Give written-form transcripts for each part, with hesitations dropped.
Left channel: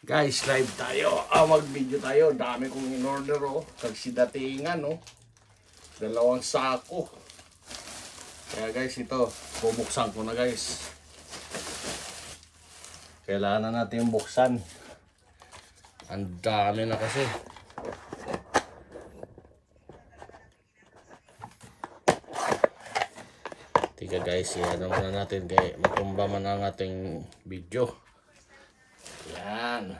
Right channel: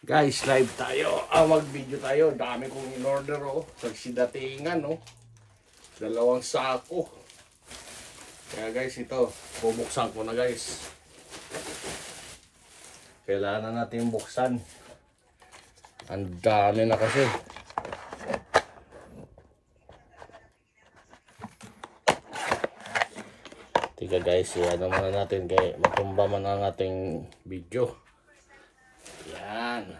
Guys, live tayo. Mag-video tayo. Dami kong in-order oh. Sagsidatingan oh. 2 sako. Kaya guys, ito. Bubuksan ko na guys. Kailangan natin buksan. Ang dami na kasi. Tiga guys, ano muna natin kaya matumba man ang ating video. Yan.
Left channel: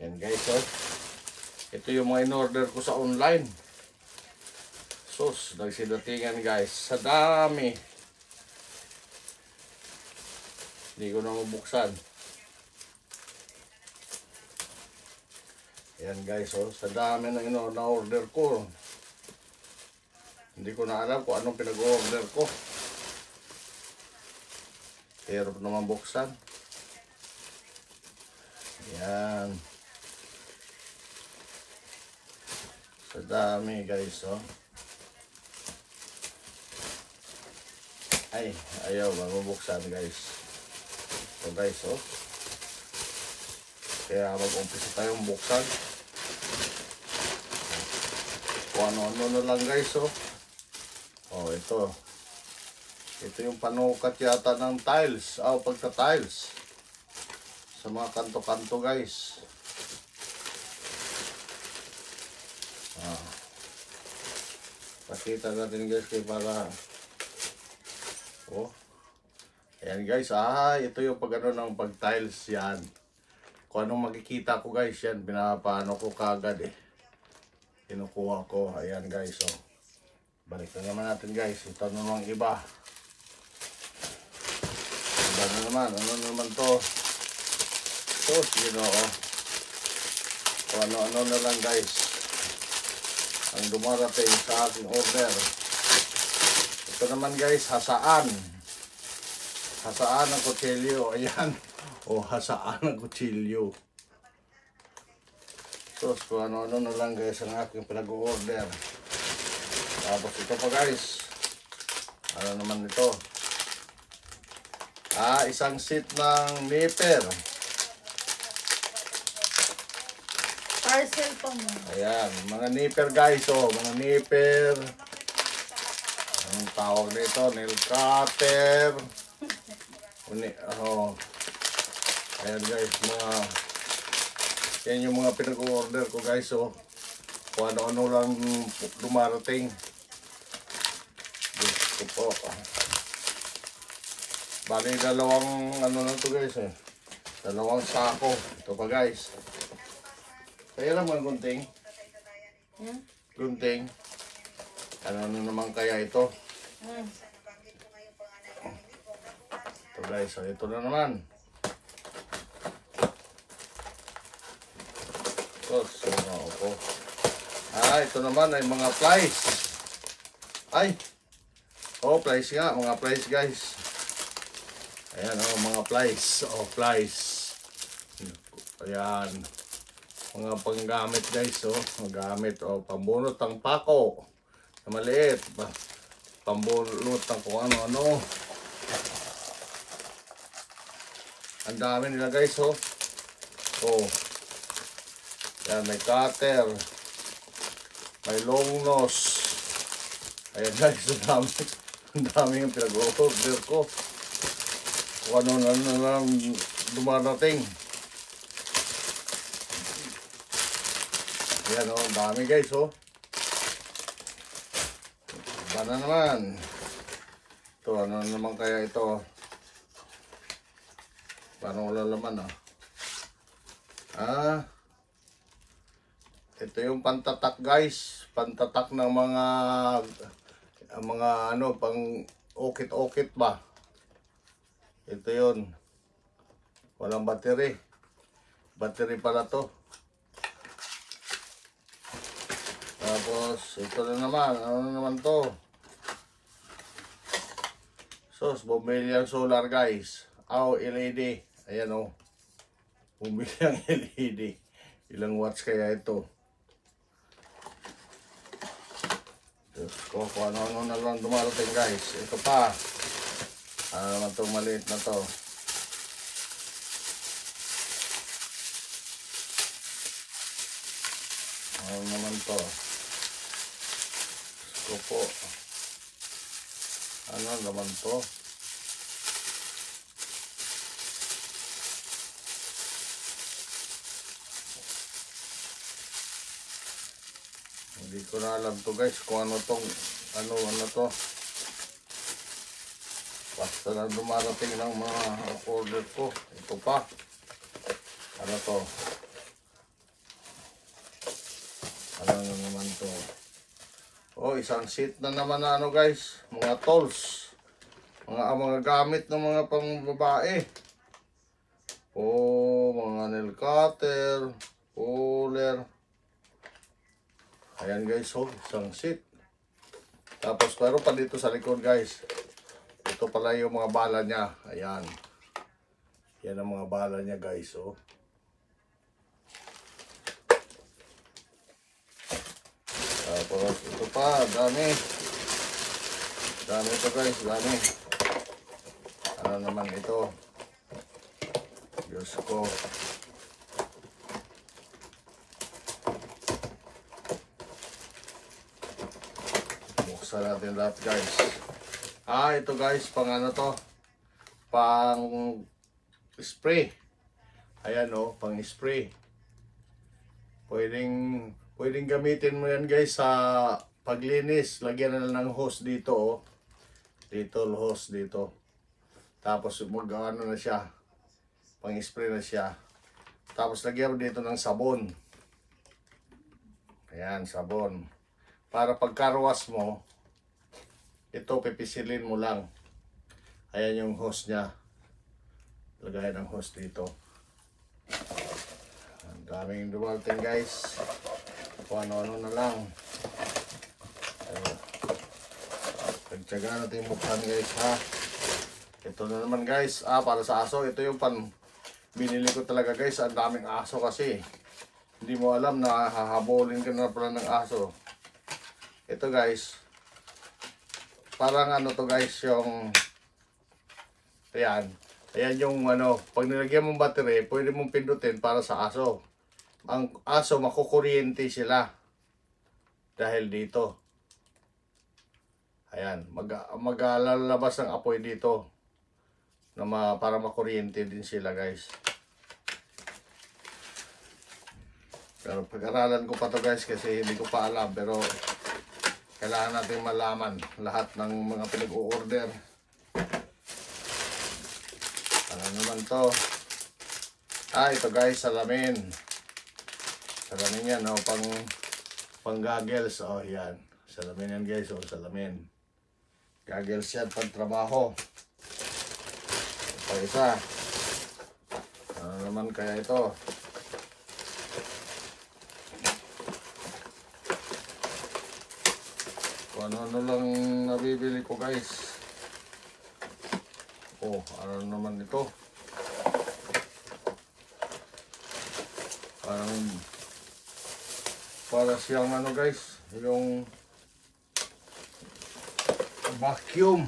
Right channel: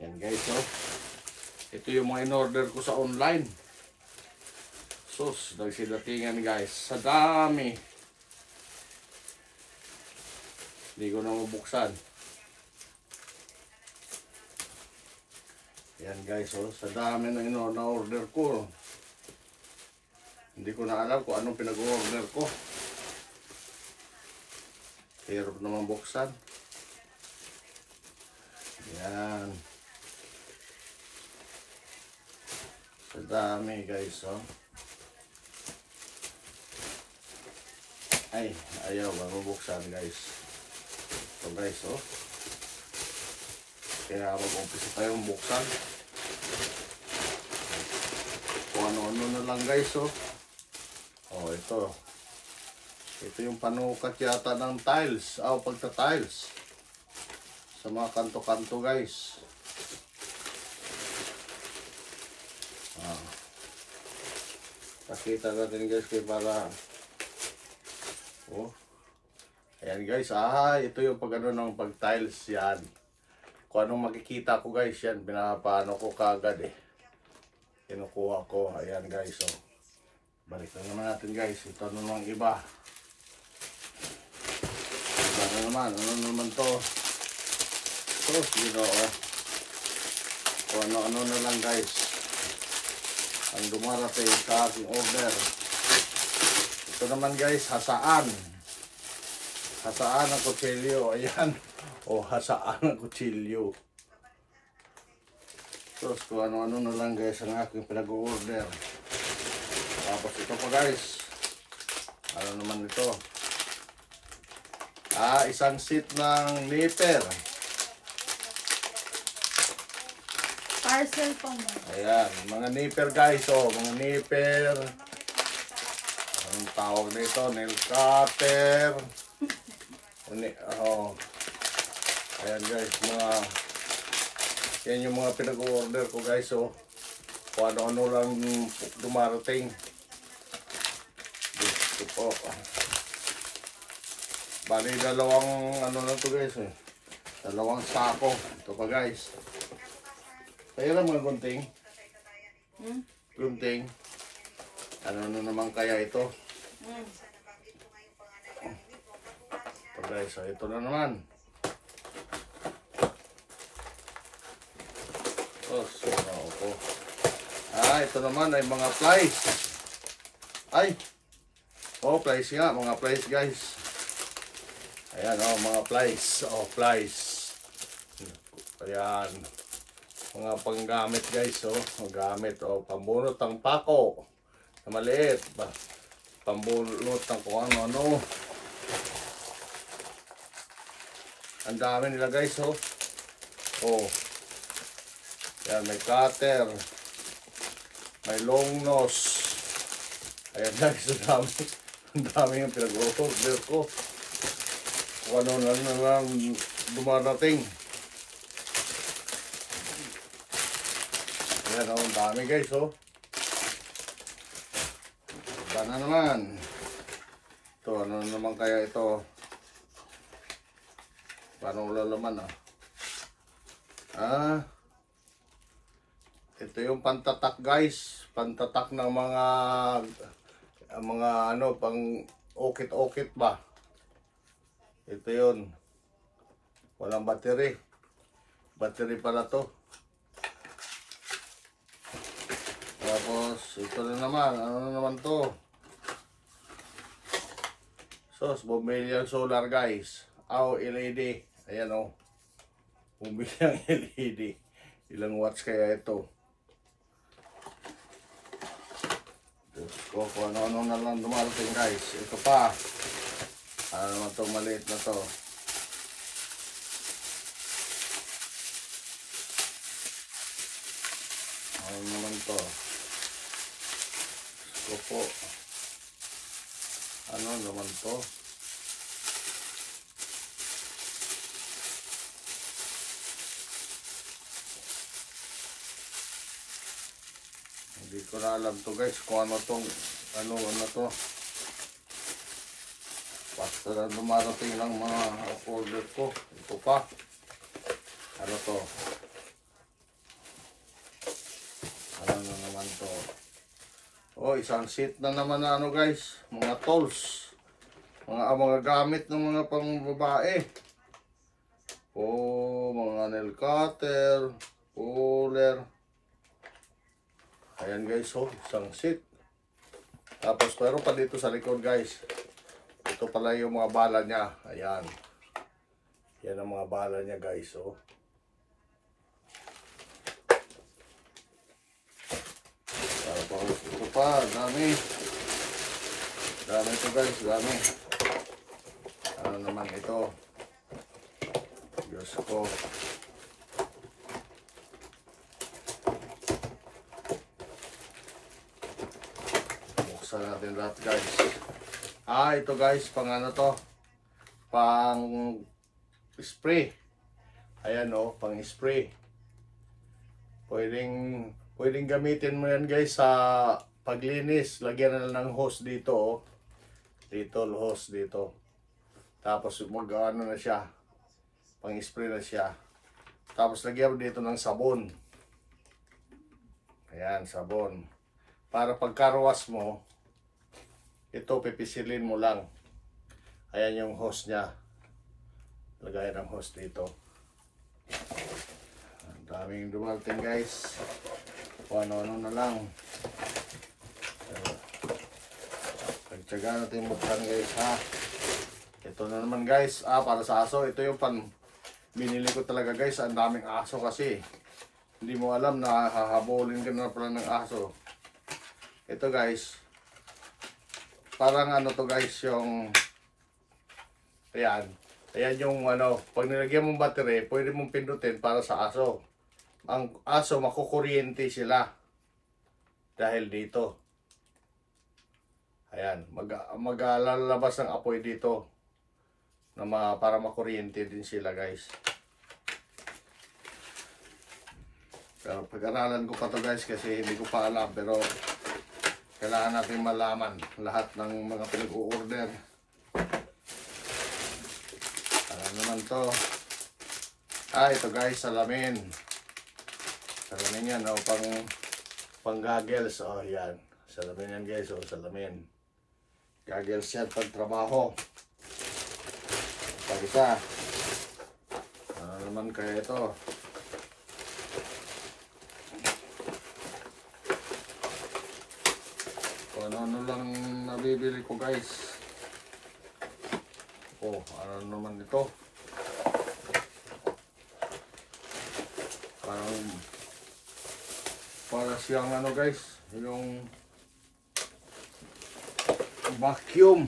Yan guys oh. Ito yung mga in-order ko sa online. Sus, nagsidatingan guys. Sa dami. Hindi ko na mabuksan. Yan guys oh. Sa dami na in-order ko. Hindi ko na alam kung anong pinag-order ko. Hirap naman buksan. Yan. Sa dami guys oh. Ay, ayaw mabuksan guys. So guys oh. Kaya mag-umpisa tayong buksan. Kung ano-ano na lang guys oh. Oh, ito. Ito yung panukat yata ng tiles. Pagka-tiles. Sa mga kanto-kanto guys. Pakita natin guys kay para oh. Ayan guys, ito yung pag-ano ng pag-tiles yan. Kung anong makikita ko guys, yan pinapaano ko kagad eh. Kinukuha ko. Ayan guys oh. Balik na naman natin guys. Ito namang iba. Iba na naman. Ano naman to? So, you know, kung ano-ano na lang guys ang dumarating sa aking order. Ito naman guys, hasaan. Hasaan ng kutsilyo. Ayan. Hasaan ng kutsilyo. So, kung ano-ano na lang guys ang aking pinag-order. Tapos ito pa guys. Ano naman ito? Isang seat ng nipper. Parcel po. Ayan, mga nipper guys, mga nipper. Anong tawag nito? Nail cutter. Ayan guys, yan yung mga pinag-order ko guys, kung ano-ano lang dumarating. Gusto po. Bali, 2 ano na to guys 2 sako. Ito pa guys. Kaya lang mga gunting. Gunting. Ano naman kaya ito? Ito guys, ito na naman. Ito naman ay mga plies. Plies nga, mga plies guys. Ayan mga plies. Plies. Ayan. Mga panggamit guys Panggamit pambunot ng pako na maliit, pambunot ng kung ano-ano. Ang dami nila guys yan, may cutter, may long nose. Ayan guys, ang dami yung pinag-order ko. Kung ano na lang dumarating. Ayan ang dami guys Iba na naman. Ito, ano naman kaya ito? Paano wala laman ito yung pantatak guys. Pantatak ng mga pang okit-okit ba? Ito yun. Walang battery. Battery pala to. Tapos, ito na naman. Ano na naman to? Bumili solar guys. LED. Ayan bumili ang LED. Ilang watts kaya ito? Kung ano-ano na lang dumarating guys. Ito pa. Ano naman to, maliit na to. Ano naman to? Gusto po. Ano naman to? Hindi ko na alam to guys kung ano tong ano to. Basta na dumarating ng mga order ko. Ito pa. Ano to? Ano na naman to? Oh, isang sheet na naman na ano guys. Mga tools. Mga gamit ng mga pangbabae. Oh, mga nail cutter. Puller. Ayan guys, oh, isang sheet. Tapos meron pa dito sa likod guys. Ito pala yung mga bala niya. Ayan. Yan ang mga bala niya guys, oh. Tapos ito pa, dami. Dami ito guys, dami. Ano naman ito? Diyos ko. Buksan natin lahat guys. Ito guys, pang ano to? Pang spray. Ayan oh, pang spray. Pwedeng gamitin mo yan guys sa paglinis. Lagyan na lang ng hose dito oh. Dito, hose dito. Tapos mag-ano na siya. Pang spray na siya. Tapos lagyan mo dito ng sabon. Ayan, sabon. Para pagkarwas mo, ito pipisilin mo lang. Ayan yung hose niya. Lagayan ng hose dito. Ang daming dumating guys. Kung ano-ano na lang. Pagtsaga natin buksan guys ha. Ito na naman guys. Para sa aso. Ito yung binili ko talaga guys. Ang daming aso kasi. Hindi mo alam na hahabulin ka na pala ng aso. Ito guys. Parang ano to guys, yung ayan yung ano, pag nilagyan mong battery, pwede mong pindutin para sa aso. Ang aso makukuryente sila dahil dito. Ayan, maglalabas ng apoy dito na para makuryente din sila guys. Pero pag-aralan ko pa to guys kasi hindi ko pa alam, pero kailangan natin malaman lahat ng mga pinag-o-order. Ano naman to? Ito guys, salamin. Salamin yan, oh, pang goggles. Oh, yan. Salamin yan guys, oh, salamin. Goggles yan pag trabaho. Pag isa. Ano naman kaya ito? Ano lang nabibili ko guys. Oh, ano naman ito? Para siyang ano guys, yung vacuum.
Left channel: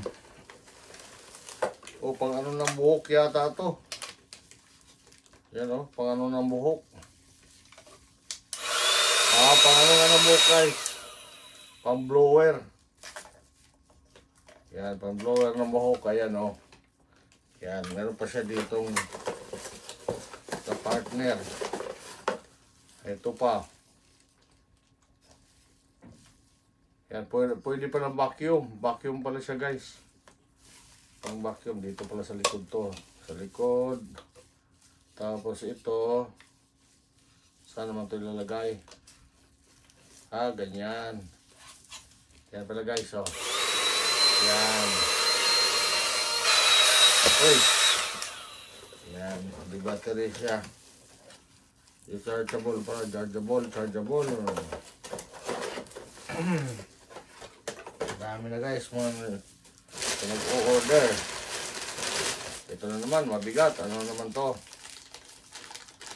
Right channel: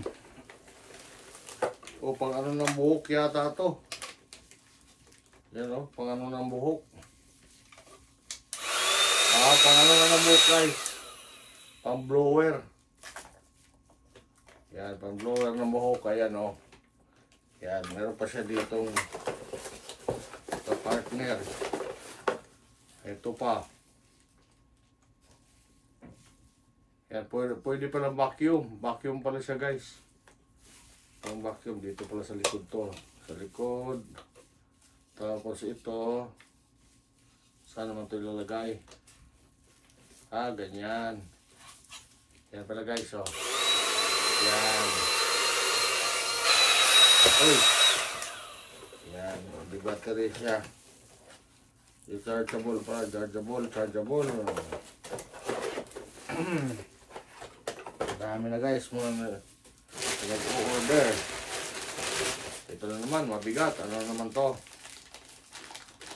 O pang ano ng buhok yata to. Yan o, pang ano ng buhok. Pang ano ng buhok guys. Pang blower. Yan, pang blower ng buhok. Ayan o. Yan, meron pa siya ditong sa partner. Ito pa. Yan, pwede pa ng vacuum. Vacuum pala siya guys. Pang vacuum. Dito pala sa likod to. Sa likod. Tapos ito. Saan naman ito ilalagay? Ganyan. Yan pala guys, oh. Yan. Uy. Yan, di battery siya. Chargeable pa, chargeable. Dami na guys, mga nag-o-order. Ito na naman, mabigat. Ano naman to?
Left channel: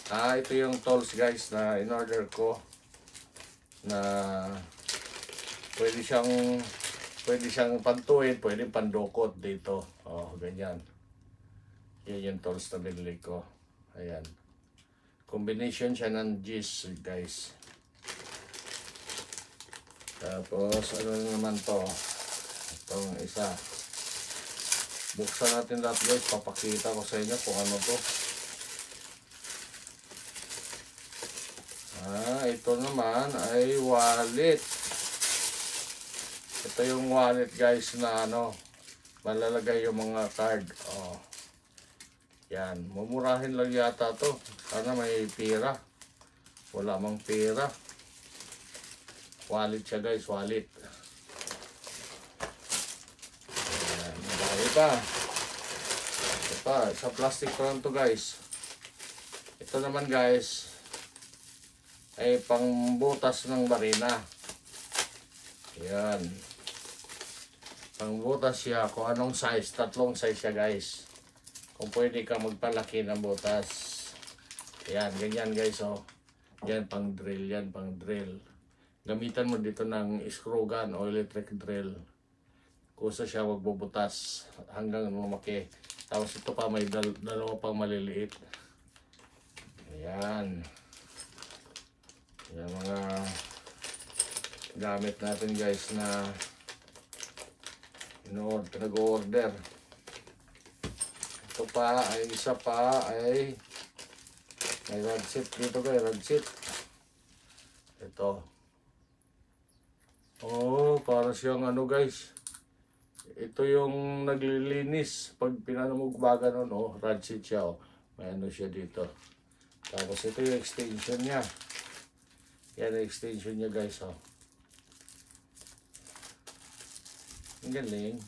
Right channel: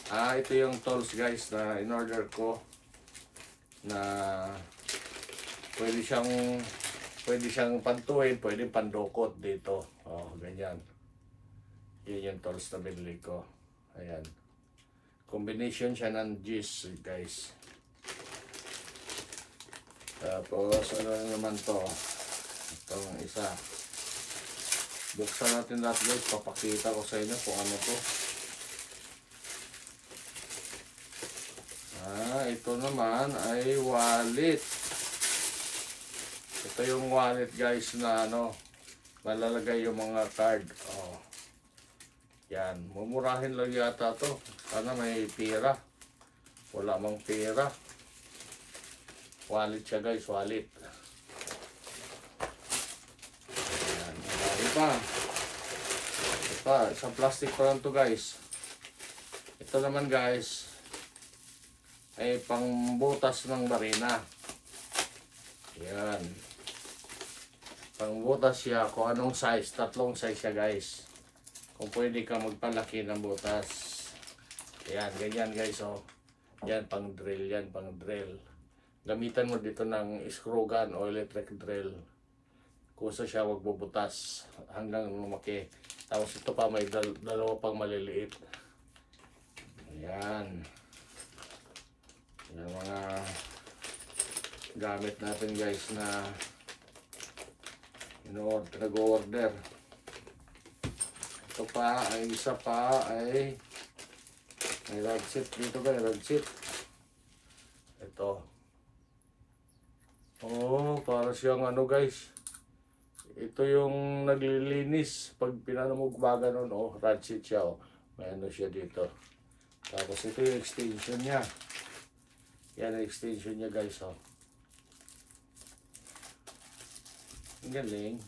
Ito yung tools guys na in-order ko. Na pwede siyang pantuin, pwede pandukot dito. Oh, ganyan. Yan yung tools na binili ko. Ayan. Combination siya ng G's guys. Tapos ano naman to? Itong isa. Buksan natin lahat guys. Papakita ko sa inyo kung ano to. Ito naman ay wallet. Ito yung wallet guys na ano, malalagay yung mga card. Oh. Yan, mumurahin lang yata to. Sana may pera. Wala mang pera. Wallet siya guys, wallet. Yan, marami pa. Ito pa, isang plastic pa lang to guys. Ito naman guys, ay pangbutas ng barina. Yan. Pangbutas siya kung anong size. Tatlong size siya guys. Kung pwede ka magpalaki ng butas. Yan, ganyan guys. Oh. Yan, pang drill. Yan, pang drill. Gamitan mo dito ng screw gun o electric drill. Kusa siya magbubutas hanggang lumaki. Tapos ito pa may dalawa pang maliliit. Yan. Yan mga gamit natin guys na pinag-order. Ito pa ay isa pa ay may rod set dito guys, rod set. Ito. Oh, para siyang ano guys. Ito yung naglilinis pag pinanamugbaga nun, oh, rod set siya, oh. May ano siya dito. Tapos ito yung extension niya. Yan ang extension niya guys, oh. Ang galing.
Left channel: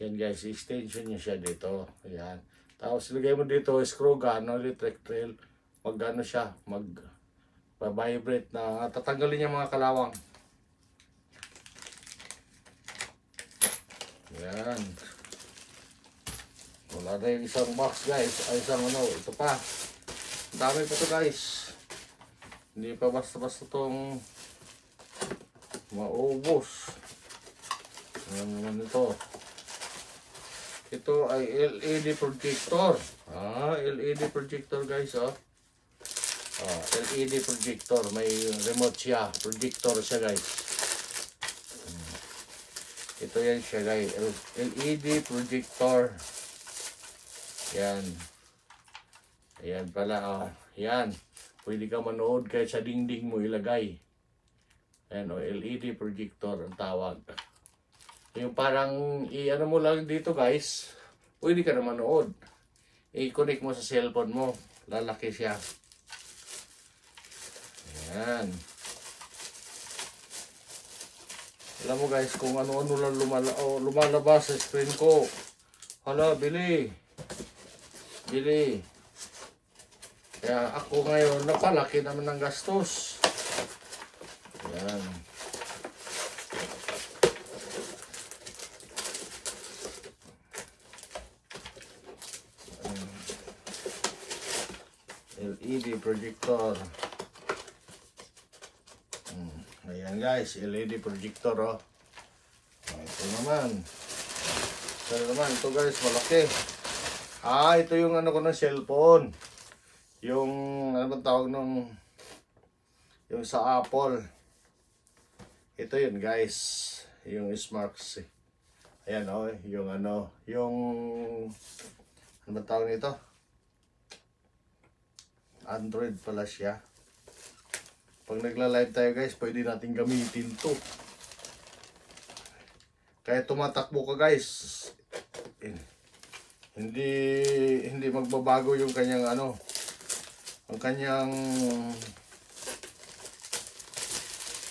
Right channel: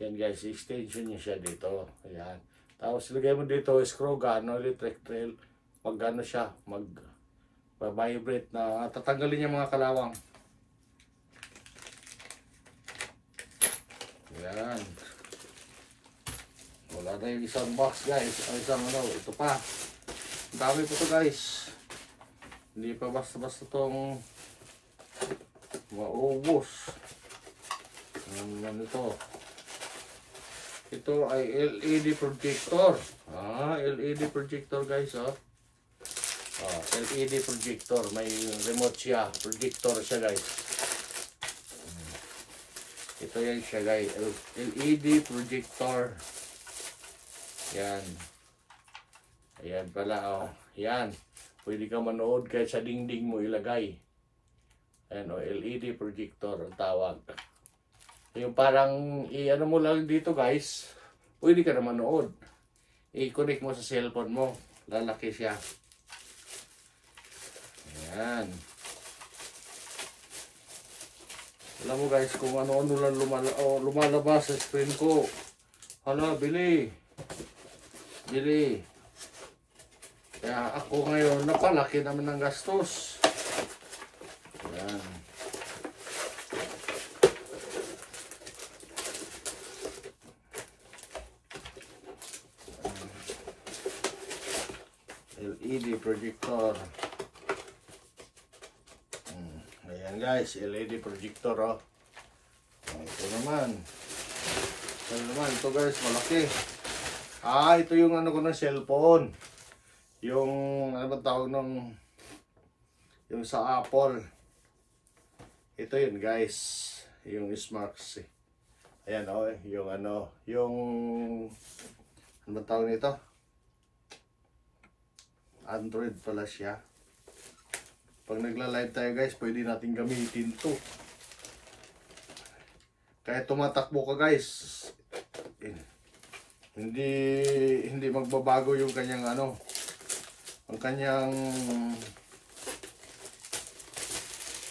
Yan guys, extension niya siya dito. Ayan. Tapos ilagay mo dito, screw gun, electric drill. Mag-ano siya, mag-vibrate na tatanggalin niya mga kalawang. Yan. Wala na yung isang box guys. Ay, isang ano, ito pa. Dami pa to guys. Hindi pa basta-basta itong maubos. Ano ito? Ito ay LED projector. LED projector guys, oh. LED projector. May remote siya. Projector siya guys. Ito yan siya guys. LED projector. Yan. Ayan pala, oh. Yan. Pwede ka manood kahit sa dingding mo ilagay. Ayan o, LED projector ang tawag. Yung parang, i-ano mo lang dito guys, pwede ka na manood. I-connect mo sa cellphone mo. Lalaki siya. Ayan. Alam mo guys, kung ano-ano lang lumalabas sa screen ko. Hala, bili. Bili. Kaya ako ngayon, napalaki naman ng gastos. Ayan. LED projector. Ayan guys, LED projector, oh. Ito naman. Ito guys, malaki. Ito yung ano ko ng cellphone. Yung, ano ba tawag nung, yung sa Apple. Ito yun guys, yung Smart C. Ayan o, yung ano, yung, ano ba tawag nito? Android pala siya. Pag nagla-live tayo guys, pwede natin gamitin to. Kaya tumatakbo ka guys. Hindi magbabago yung kanyang ano, ang kanyang,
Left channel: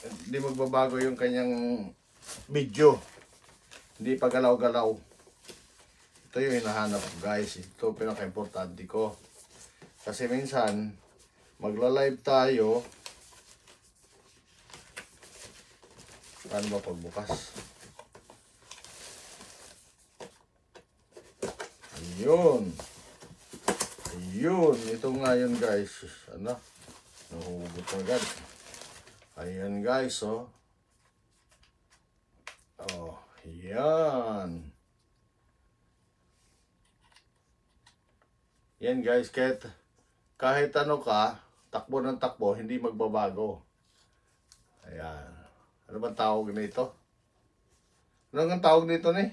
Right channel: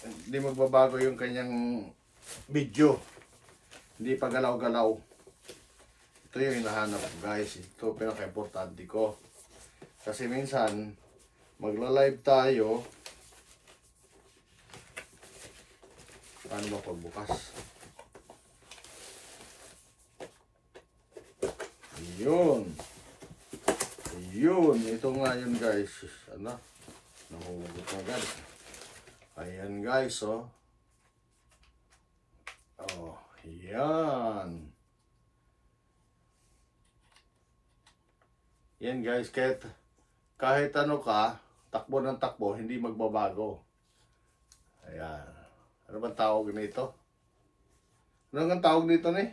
hindi magbabago yung kanyang video. Hindi pa galaw-galaw. Ito yung hinahanap ko guys. Ito pinaka-importante ko. Kasi minsan magla-live tayo. Paano ba pagbukas? Ayun. Ayun. Ito nga yun guys. Ano? Nahugot agad. Ayan guys, oh. Oh, yan. Yan guys, kahit ano ka, takbo ng takbo, hindi magbabago. Ayan. Ano bang tawag nito? Ano ang tawag nito ni?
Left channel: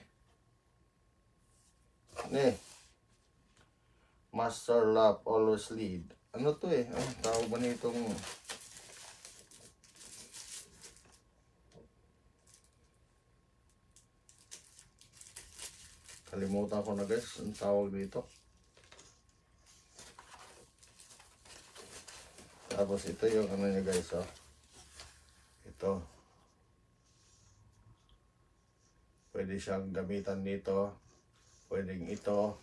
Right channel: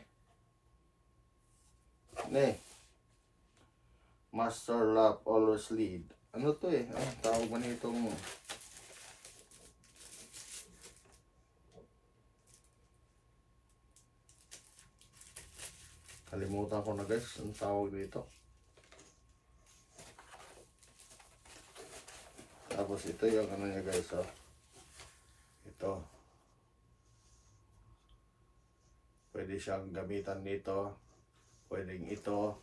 Master love always lead. Ano to eh? Ano tawag ba nitong? Kalimutan ko na guys, ang tawag dito. Tapos ito yung ano niya guys, oh. Ito. Pwede siyang gamitan dito. Pwedeng ito.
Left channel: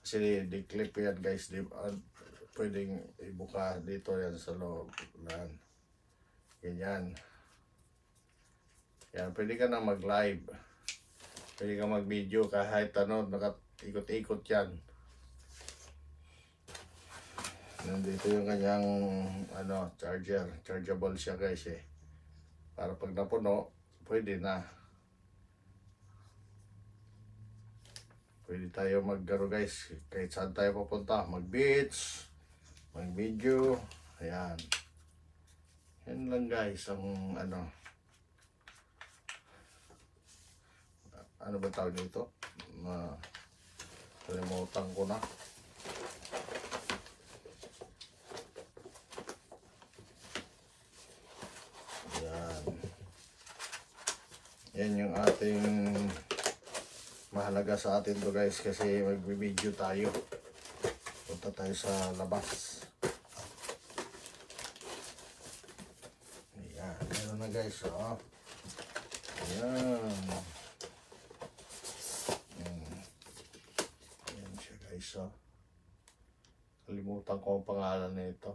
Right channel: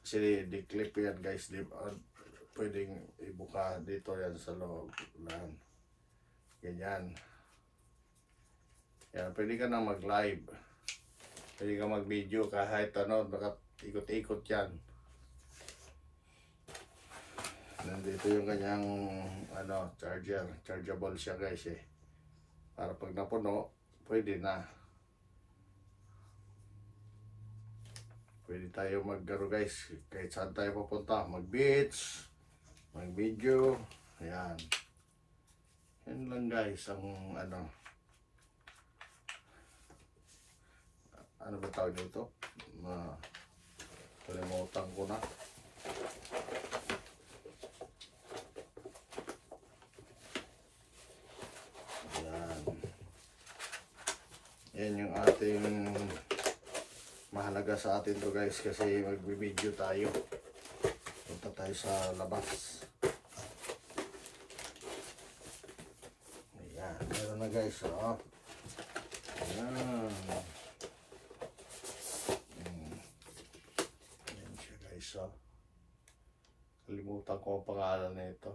Kasi di-clip yan guys. Pwedeng ibuka dito yan sa loob. Ganyan. Yan, pwede ka na mag-live. Pwede ka mag-video kahit ano, nakaikot-ikot yan. Nandito yung kanyang ano, charger. Chargeable siya guys eh. Para pag napuno, pwede na. Pwede tayo mag-garo guys. Kahit saan tayo pupunta. Mag-beach, mag-video. Ayan. Yan lang guys ang ano. Ano ba tawag dito? Kalimutan ko na. Yan. Yan yung ating mahalaga sa atin to guys kasi magbibideo tayo. Punta tayo sa labas. Ayan. Meron na guys. Oh. Ayan. Ayan siya guys. Oh. Kalimutan ko ang pangalan nito.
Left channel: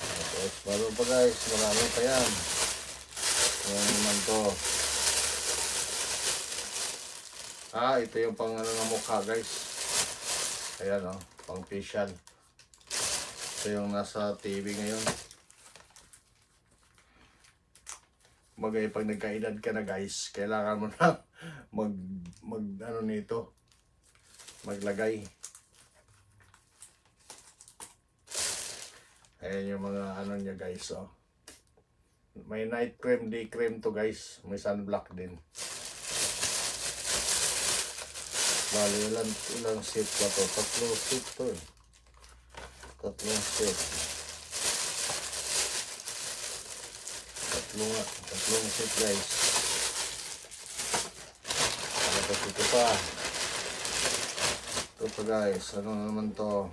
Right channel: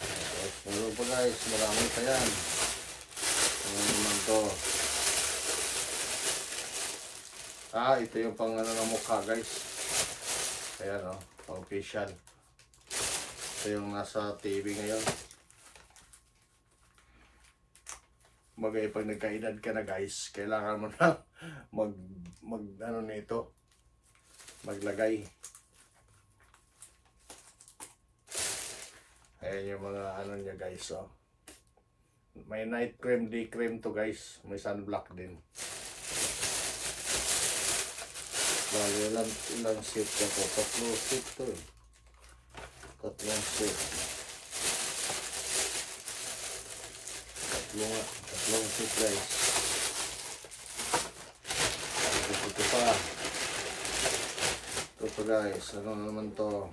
Tapos meron pa guys. Marami pa yan. Ayan naman to. Ito yung pang ano ng mukha guys. Ayan o. Pang facial. Ito yung nasa TV ngayon. Bagay pag nagkaedad ka na guys, kailangan mo na mag ano nito. Maglagay. Ayan yung mga ano niya guys oh. May night cream, day cream to guys. May sunblock din. Bali, ilang set na to? 3 set to eh. 3 set. 3 set guys. Tapos ito pa. Ito pa guys. Ano naman to?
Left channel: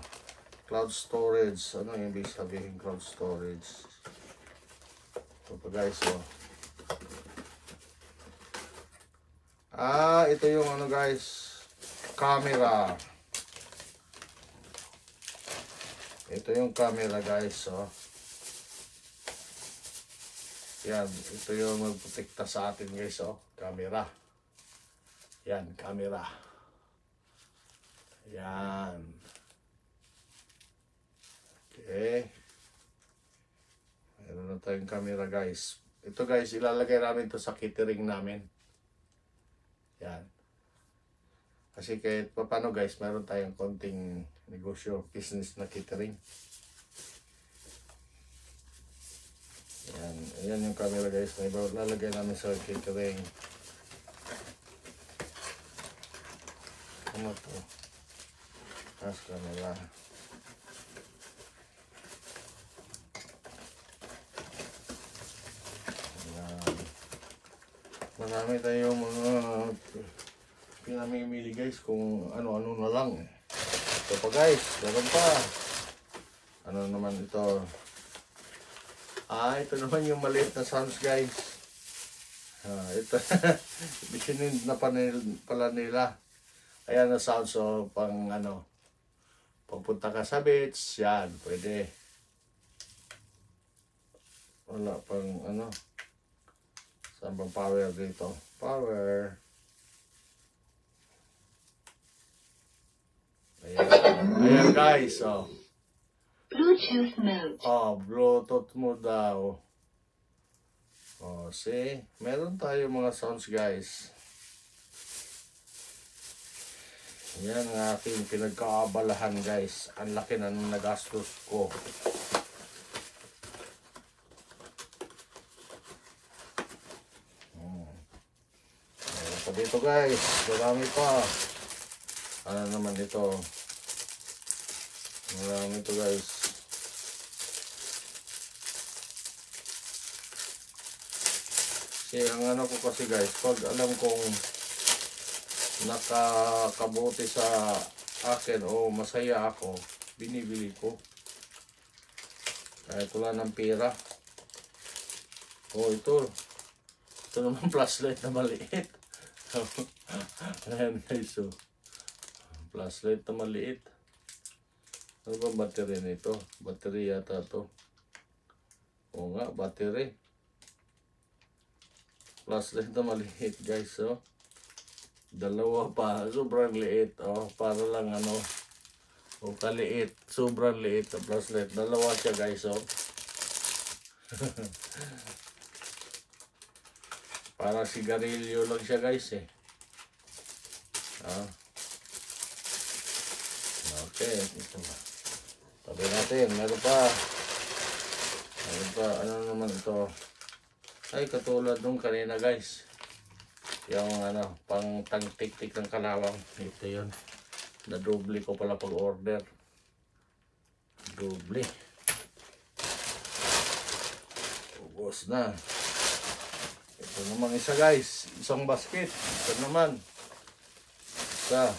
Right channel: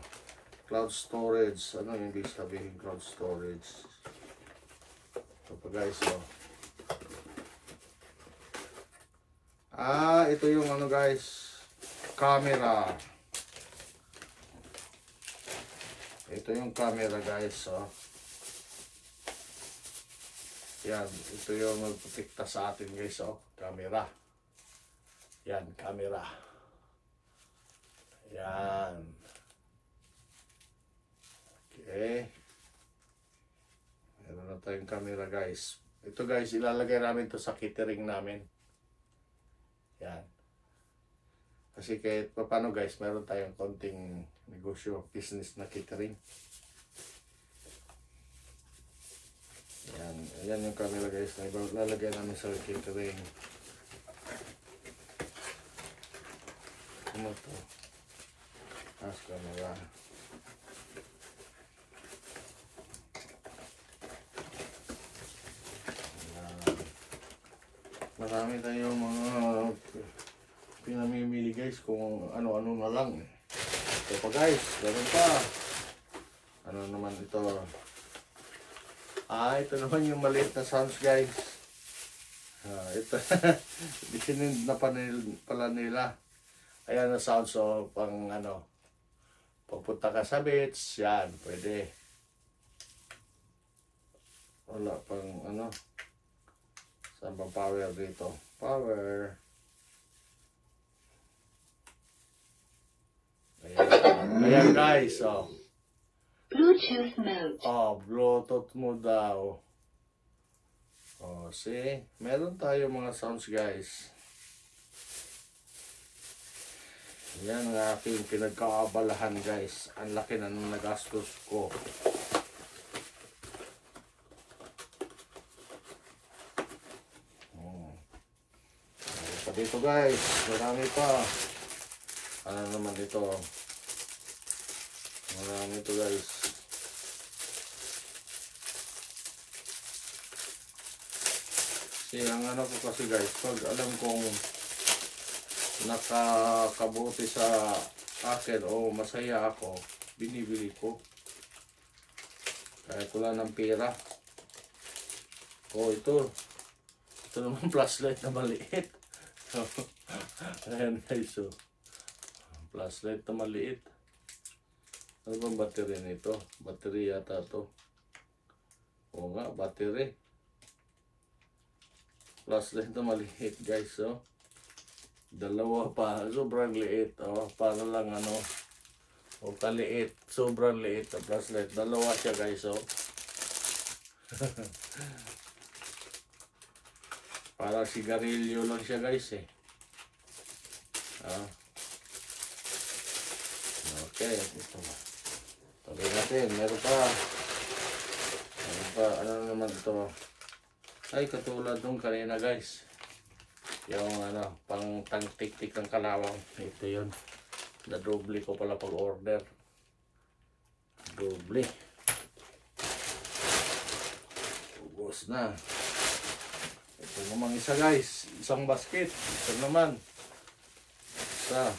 Cloud storage. Ano yung ibig sabihin cloud storage? Ito pa guys, oh. Ito yung ano guys, camera. Ito yung camera guys, oh. Yan, ito yung magprotekta sa atin guys, oh. Camera. Yan, camera. Yan. Okay. Meron na tayong camera guys. Ito guys, ilalagay namin to sa catering namin. Yan. Kasi kahit paano guys, meron tayong konting negosyo, business na catering. Yan. Ayan yung camera guys. Ilalagay namin sa catering. Ano to? As camera. Marami tayong mga pinamimili guys kung ano-ano na lang. Ito pa guys, meron pa. Ano naman ito? Ito naman yung maliit na sounds guys. Ito, bisinid na pala nila. Ayan na sounds so pang ano, pagpunta ka sa beach, yan, pwede. Wala pang ano. Saan bang power dito? Power. Ayan. Ayan guys, oh. Bluetooth mode. Oh, Bluetooth mode daw. Oh, see? Meron tayo mga sounds guys. Yan ang aking pinagkaabalahan guys. Ang laki na nagastos ko. ito guys, marami pa. Ano naman ito? Marami ito guys. Kasi ang ano ko kasi guys, pag alam kong nakakabuti sa akin o masaya ako, binibili ko. Kahit wala ng pera. O ito naman flashlight na maliit. Ayan guys, so flashlight na maliit. Ano bang battery nito? Battery yata to. O nga, battery. Flashlight na maliit guys, so dalawa pa, sobrang liit. O, para lang ano, o kaliit, sobrang liit na flashlight. Dalawa siya guys, so para sigarilyo lang siya guys eh. Okay, ito. Tabi natin, meron pa, ano naman ito? Ay, katulad nung kanina guys, yung ano, pang tik-tik ng kalawang. Ito yun, na-doble ko pala pag order. Doble. Ubos na. Ito naman isa guys, isang basket. Ito naman isa.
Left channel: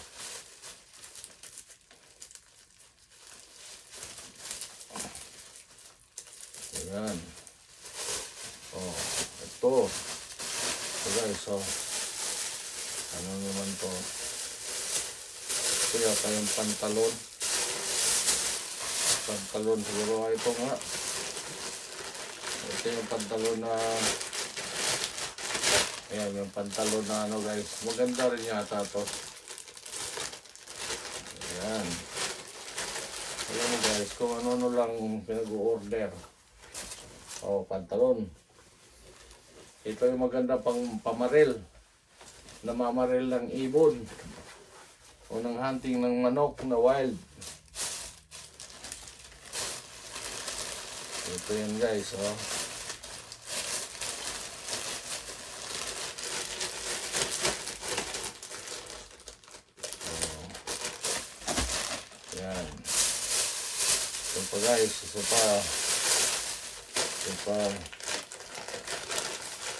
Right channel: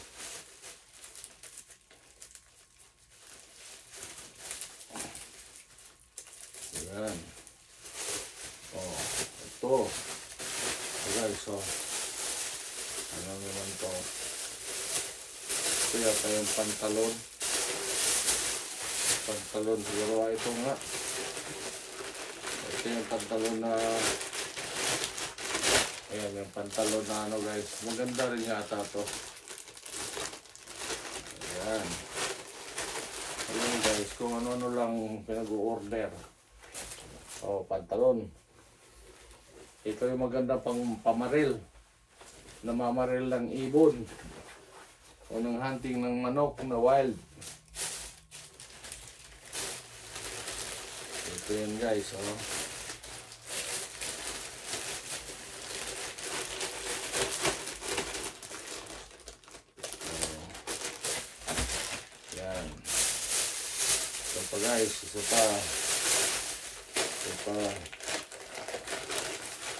Ayan. Oh, ito guys, so ano naman to? Ito yata yung pantalon siguro. Ito nga, ito yung pantalon na, ayan yung pantalon na ano guys, maganda rin yata to. Ayan. Ayan guys, kung ano lang pinag-order. Oh, pantalon. Ito yung maganda pang pamaril. Namamaril ng ibon. O ng hunting ng manok na wild. Ito yan guys, oh. Yan. Ito pa guys, isa pa.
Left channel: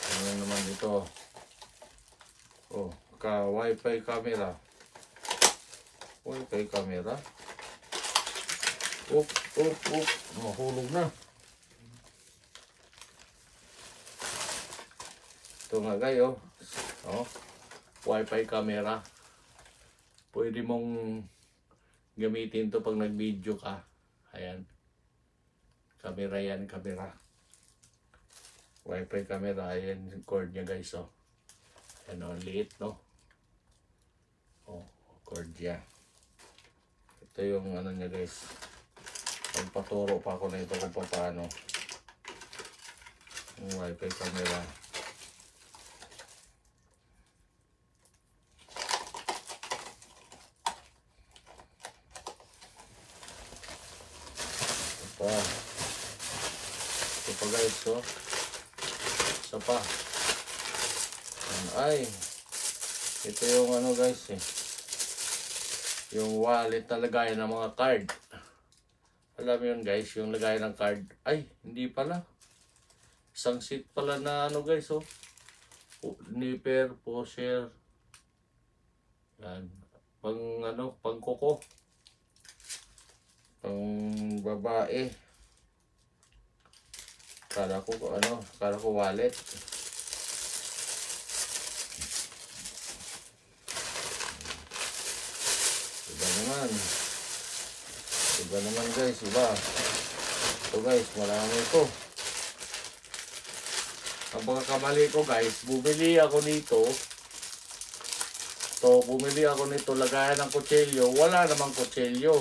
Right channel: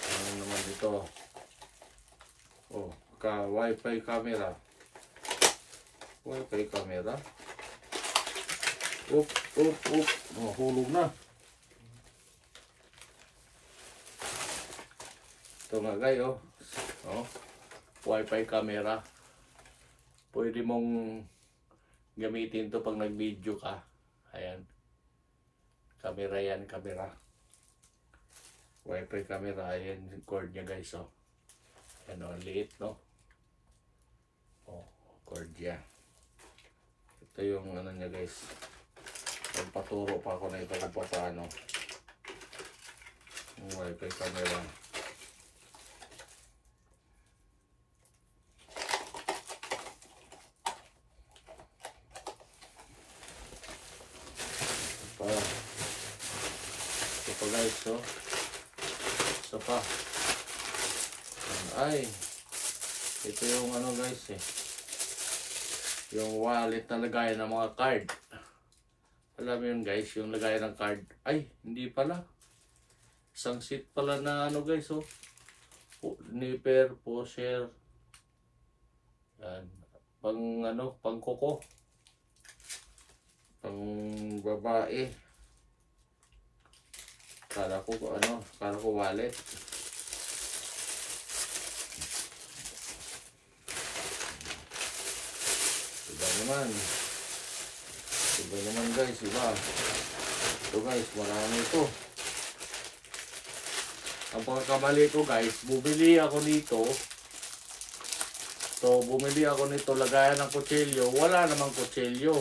Ano naman dito? Oh, wifi camera. Wifi camera. Up. Mahulog na. Ito nga guys, oh. Oh. Wifi camera. Pwede mong gamitin to pag nag-video ka. Ayan. Camera yan, camera. Wifi camera, ayan yung cord niya guys, oh. Ayan, oh, liit, no? Oh, cord niya. Ito yung ano niya guys. Magpaturo pa ako na ito kung paano. Yung wifi camera. Ito pa guys, oh. Isa pa. Ay, ito yung ano guys eh, yung wallet na lagay ng mga card. Alam mo yun guys, yung lagay ng card. Ay, hindi pala, isang seat pala na ano guys, oh. Nipper, pusher. Yan. Pang ano, pang kuko, pang babae. Kala ko wallet. Iba naman guys, iba. Ito guys, marami ito. Ang pagkakamali ko guys, bumili ako nito. Bumili ako nito, lagayan ng kutsilyo. Wala namang kutsilyo.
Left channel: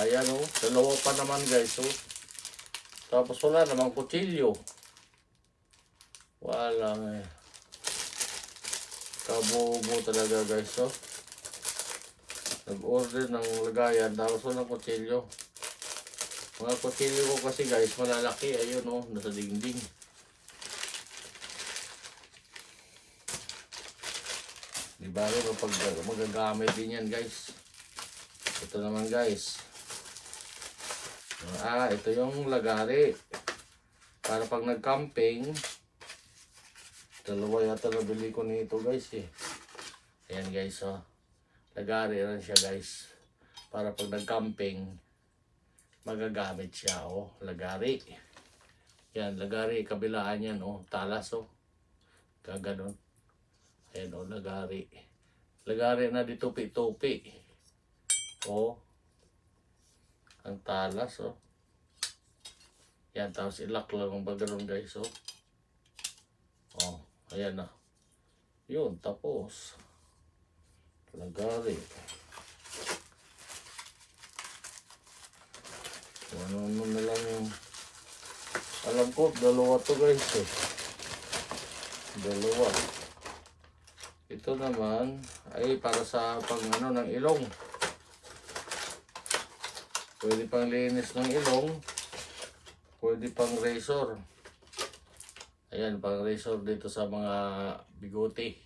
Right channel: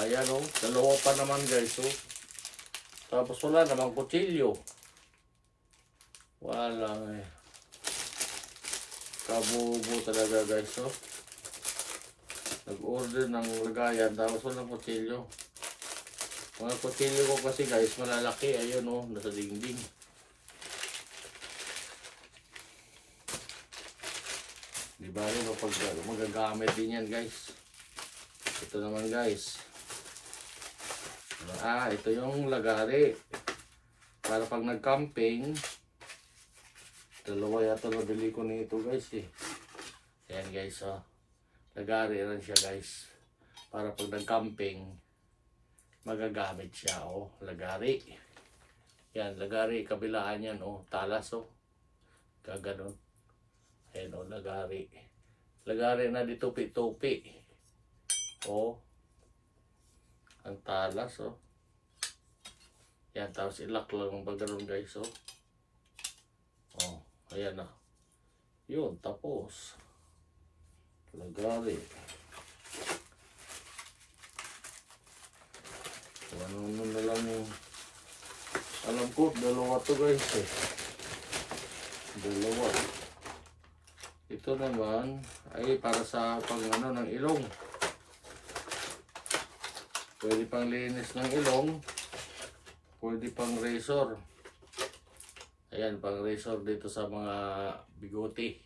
Ayan, oh, dalawa pa naman guys, oh. Tapos wala namang kutsilyo. Wala nga eh. Kabobo talaga guys, oh. Nag-order ng lagayan tapos walang kutsilyo. Mga kutsilyo ko kasi guys malalaki. Ayun, oh, nasa dingding. Di ba rin pag magagamit din yan guys. Ito naman guys. Ito yung lagari. Para pag nag-camping, dalawa yata nabili ko nito guys eh. Ayan guys oh. Lagari rin siya guys. Para pag nag-camping, magagamit siya oh. Lagari. Yan, lagari. Kabilaan yan oh. Talas oh. Kaganon. Ayan o, lagari. Lagari na di tupi-tupi. O. Ang talas o. Yan, tapos ilak lang ba ganun guys o. O, ayan na. Yun, tapos. Lagari. Ano na lang yung... Alam ko, dalawa to guys eh. Dalawa. Ito naman ay para sa pang ano ng ilong. Pwede pang linis ng ilong. Pwede pang razor. Ayan, pang razor dito sa mga bigote.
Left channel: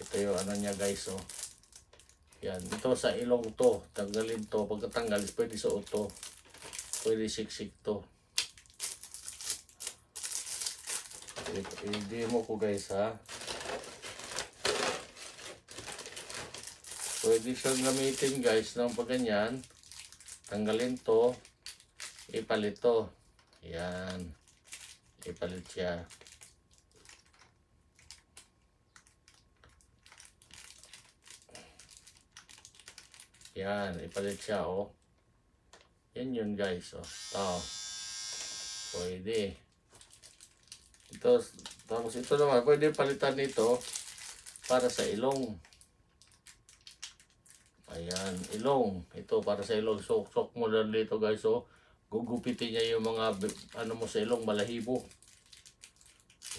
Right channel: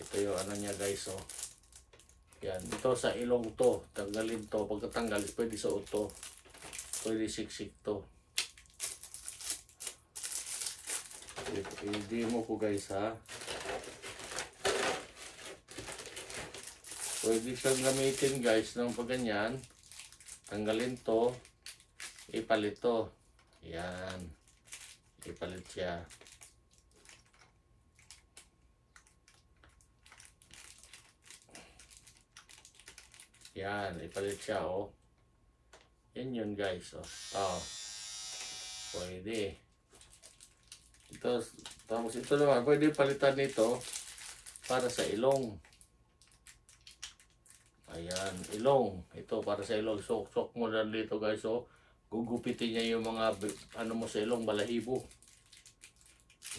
Ito yung ano niya guys oh. Yan, ito sa ilong to. Tanggalin to. Pagkatanggal, pwede sa uto. Pwede siksik to. I-demo ko guys ha. Pwede siyang gamitin guys ng pagganyan. Tanggalin to. Ipalit to. Yan. Ipalit siya. Yan. Ipalit siya oh. Yan yun guys oh. Tao. Pwede. Ito, tapos ito naman. Pwede palitan nito para sa ilong. Ayan, ilong. Ito para sa ilong. Sok mo lang dito guys. So, gugupitin niya yung mga ano mo sa ilong, balahibo.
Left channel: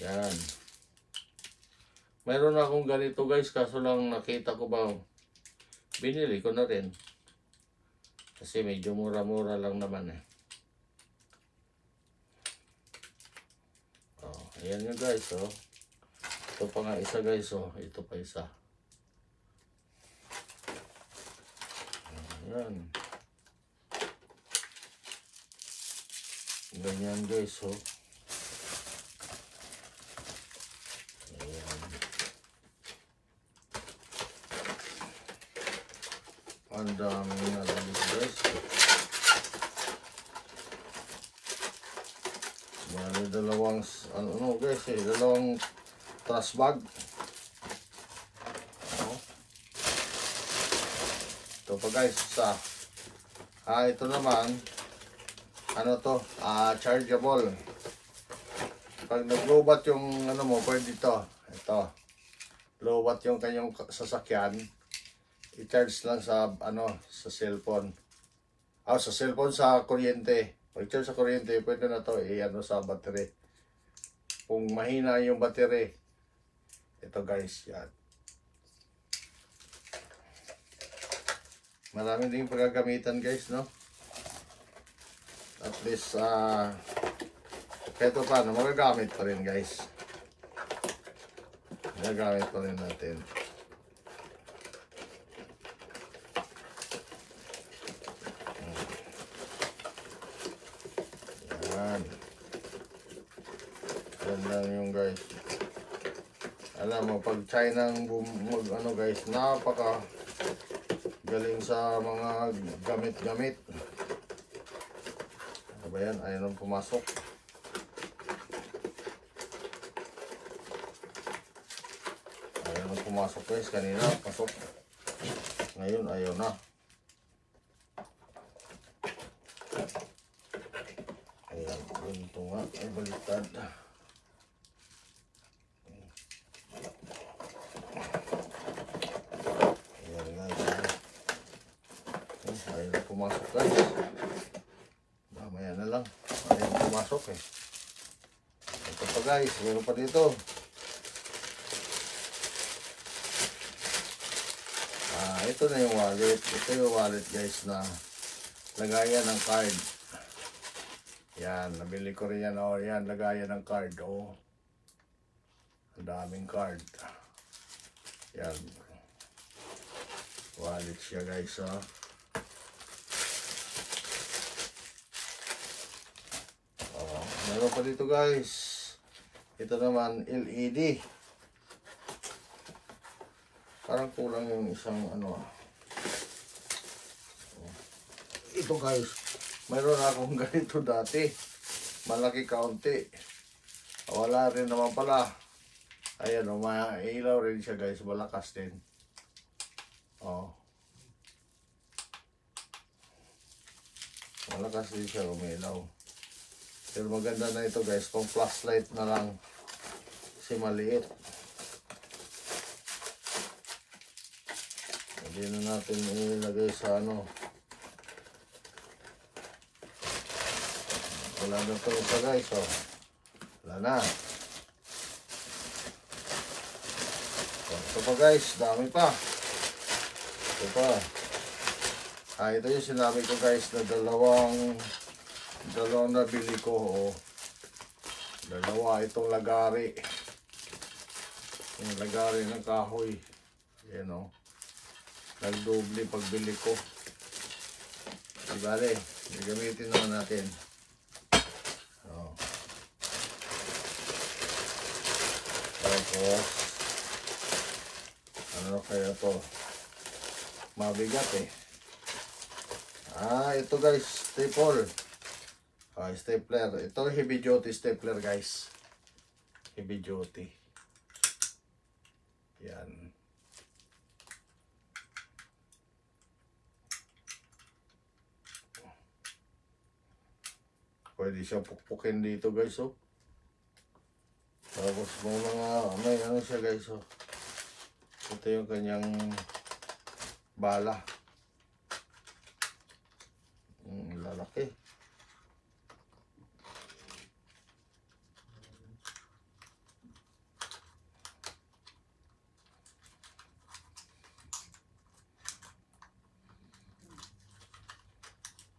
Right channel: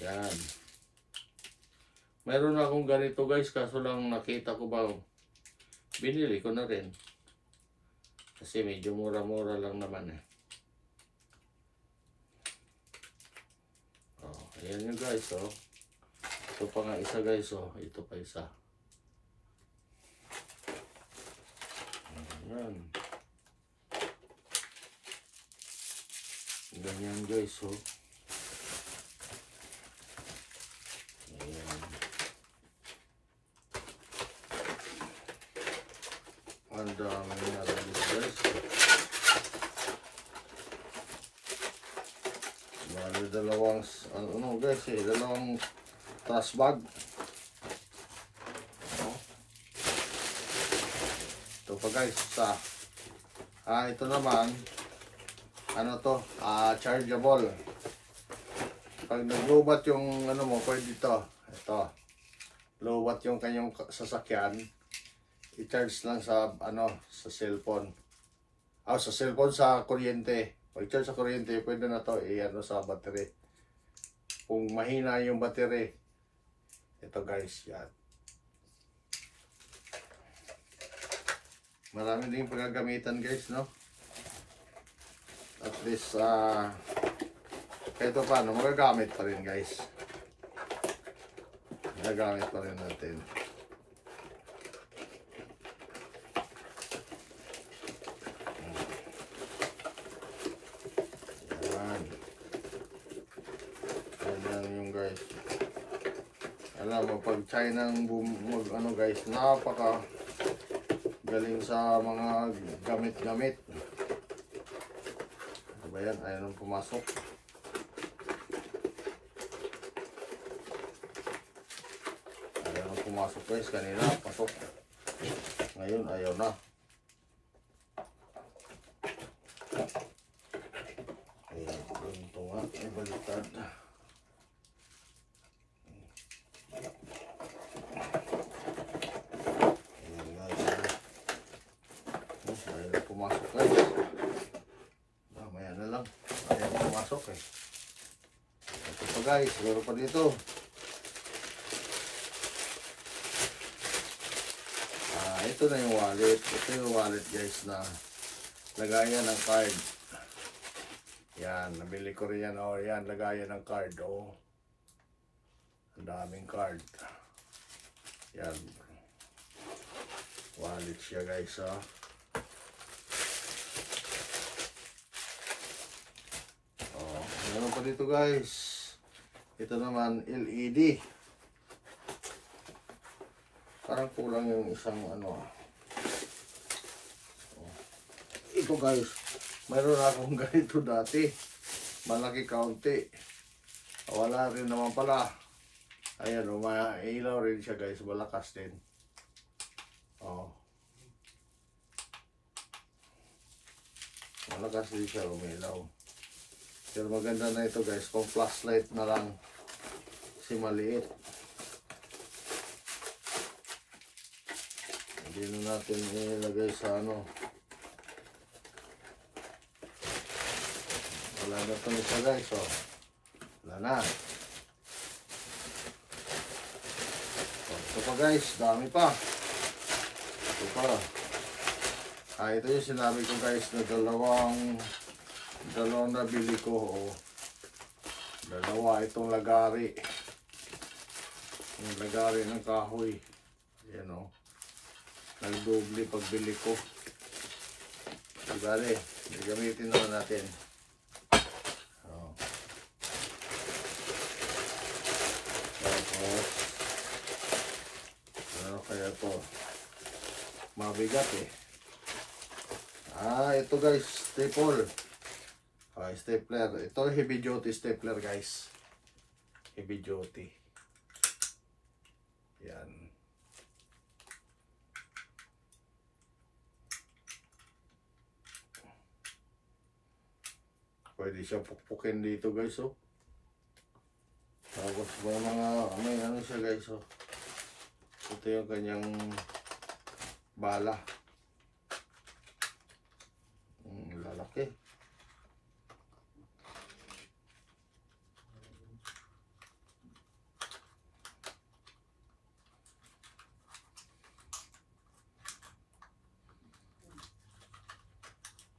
Yan. Meron akong ganito guys. Kaso lang nakita ko ba. Binili ko na rin. Kasi medyo mura-mura lang naman eh. Oh, ayan yung guys. Oh. Ito pa nga isa guys. Oh. Ito pa isa. Ayan. Ganyan guys oh. Ayan. Ang dami na lang guys. Bali dalawang ano guys eh. Dalawang trash bag. Ito pa guys sa ito naman ano to chargeable. Pag naglubat yung ano mo pwede ito lubat yung kanyang sasakyan, i-charge lang sa ano sa cellphone sa cellphone sa kuryente. Pag charge sa kuryente pwede na to ano sa battery. Kung mahina yung battery ito guys yan. Marami din pagagamitan guys, no? At least, kahit paano, magagamit pa rin guys. Magagamit pa rin natin. Yan. Yan lang yung guys. Alam mo, pag China ano guys, napaka galing sa mga gamit-gamit. Ano ba yan? Ayaw nang pumasok. Ayaw nang pumasok guys. Kanina, pasok. Ngayon, ayaw na. Ayan, ito nga. Ay, baliktad. Pumasok guys. Mamaya na lang. Ayan pumasok eh. Ito pa guys. Meron pa dito. Ito na yung wallet. Ito yung wallet guys na lagayan ng card. Yan. Nabili ko rin yan. O yan. Lagayan ng card. O. Ang daming card. Yan. Wallet siya guys, oh. Oh, meron pa dito guys. Ito naman LED. Parang kulang yung isang ano. Oh. Ito guys, mayroon akong ganito dati. Malaki kaunti. Wala rin naman pala. Ayan, mailaw rin siya guys, malakas din. Oh. Malakas din siya, umilaw. Pero maganda na ito guys, kung flashlight na lang kasi maliit. Hindi na natin ilagay sa ano. Wala na ito isa guys, oh. Wala na. Ito pa guys, dami pa. Ito pa. Ito yung sinabi ko guys na dalawang nabili ko. Oh. Dalawa itong lagari. Yung lagari ng kahoy. Yan o. Nagdubli pagbili ko. Ibale, gagamitin naman natin. Oh. Tapos ano kaya to? Mabigat eh. Ito guys, staple. Stapler. Ito heavy duty stapler guys. Heavy duty. Yan. Pwede siya pukpukin dito guys, oh. Tapos may ano siya guys, oh. Ito yung kanyang bala. Lalaki.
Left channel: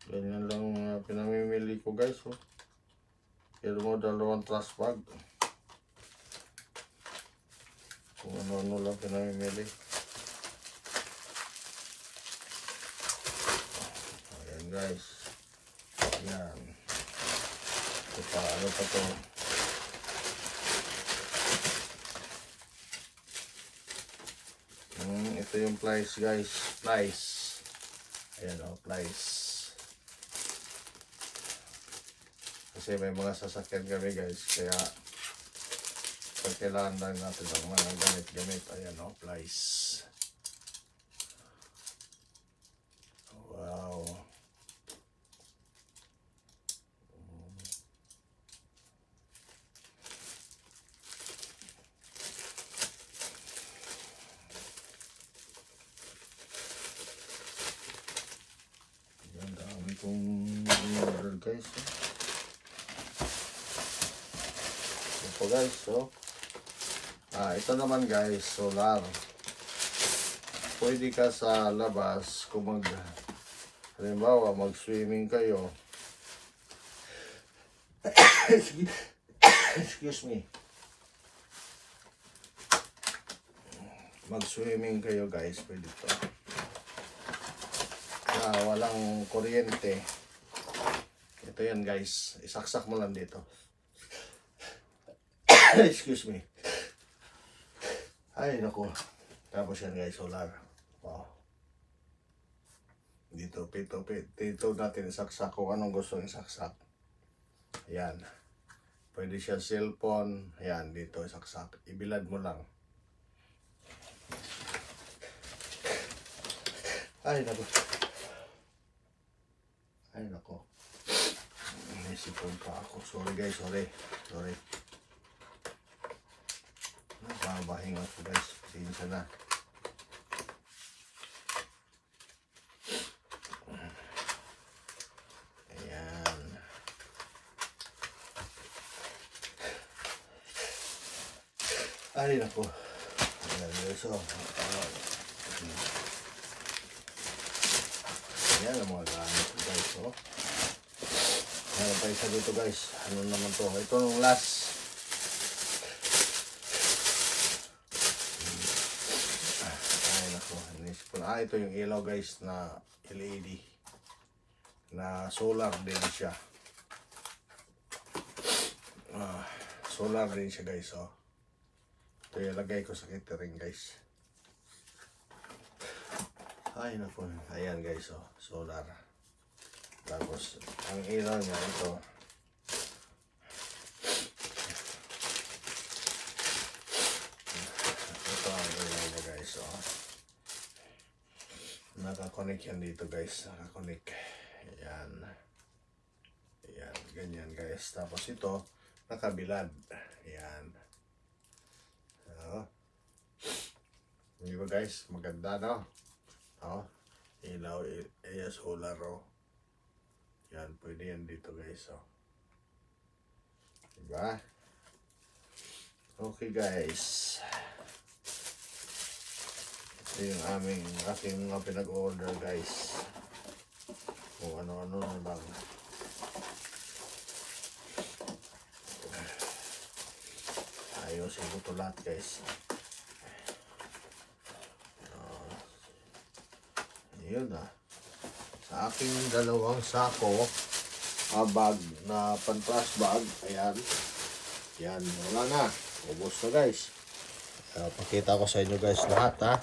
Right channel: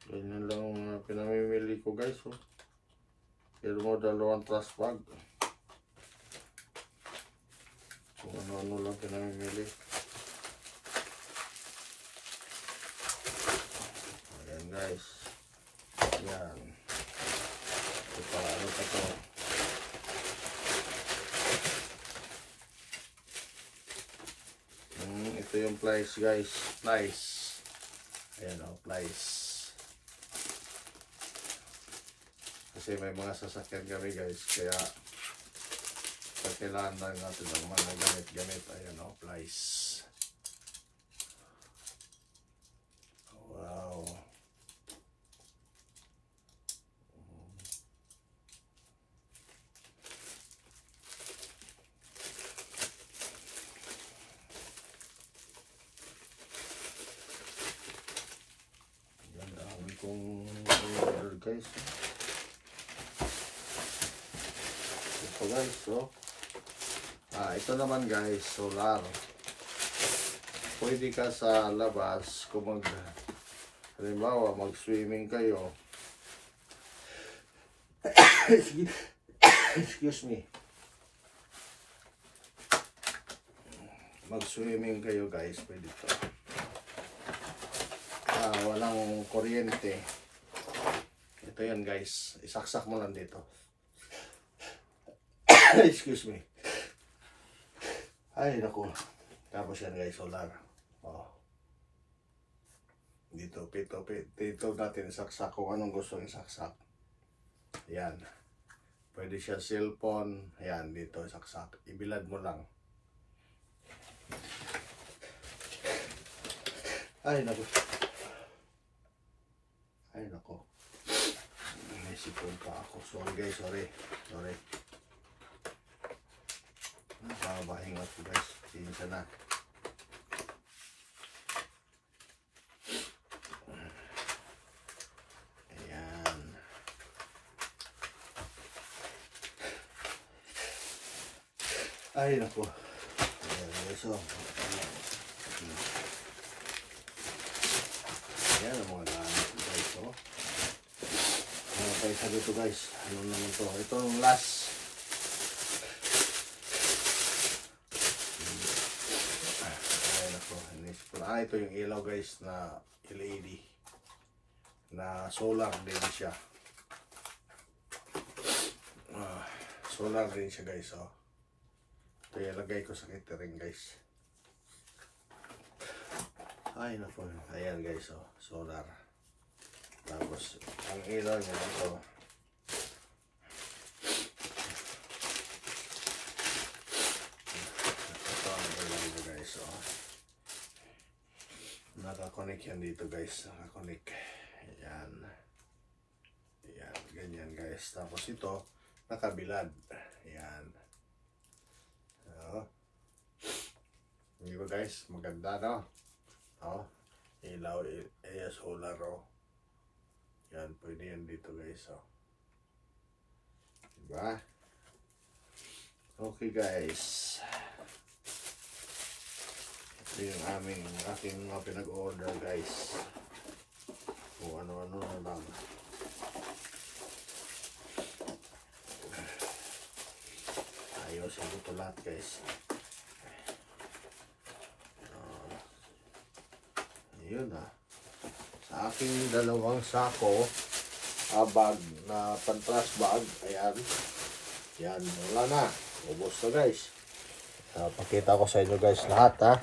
Ganyan lang pinamimili ko guys, oh. Pero mo dalawang trash bag. Kung ano lang pinamimili. Ayan guys. Ayan. Ito pa, ano pa to? Ito yung plies guys. Plies. Ayan o, plies. Kasi may mga sasakyan kami guys. Kaya pag kailangan lang natin ng mga gamit-gamit. Ayan o, plies. Wow. Ganda kong order guys. Ito guys, so. Ito naman guys, solar. Pwede ka sa labas kung halimbawa mag-swimming kayo. Excuse me. Mag-swimming kayo guys, pwede to. Walang kuryente. Ito yan guys, isaksak mo lang dito. Excuse me. Ay naku. Tapos yan guys, solar. Oh. Dito natin isaksak kung anong gusto isaksak. Ayan. Pwede siya cellphone. Ayan, dito isaksak. Ibilad mo lang. Ay naku. Ay naku. Naisipon pa ako. Sorry guys, sorry. Nakabahinga ko guys. Pasensya na. Ayan. Ay naku. Ayan guys, oh. Ayan ang mga gamit guys, oh. Meron pa isa dito guys. Ano naman to? Ito yung last. ito yung ilaw guys na LED. Na solar din siya. Solar din siya guys. Oh. Ito yung lagay ko sa catering guys. Ay naku. Ayan guys. Oh. Solar. Tapos ang ilaw niya ito. So, nakakonect yan dito guys, nakakonect. Ayan. Ayan, ganyan guys. Tapos ito, nakabilad. Ayan. So, hindi ba guys, maganda no? Oh, ilaw, solar oh. Yan, pwede yan dito guys oh. Diba? Okay guys. Ito yung aking mga pinag-order guys. Kung ano-ano na lang. Ayusin ko ito lahat guys. Yun sa aking dalawang sako bag na pantras bag. Ayan. Yan, wala na. Ubos na guys. Pakita ko sa inyo guys lahat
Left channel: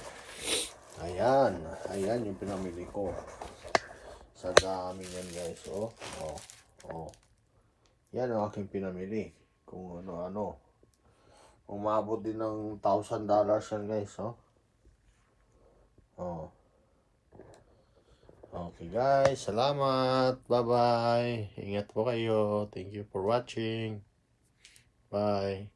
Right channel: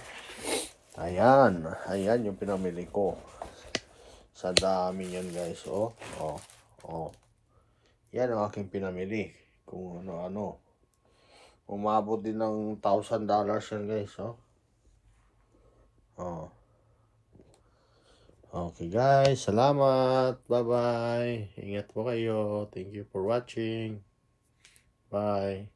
Ayan, ayan yung pinamili ko. Sa dami yan guys, oh. Yan ang aking pinamili. Kung ano-ano. Umabot din ng $1,000 yan guys, oh. Okay guys, salamat. Bye-bye. Ingat po kayo. Thank you for watching. Bye.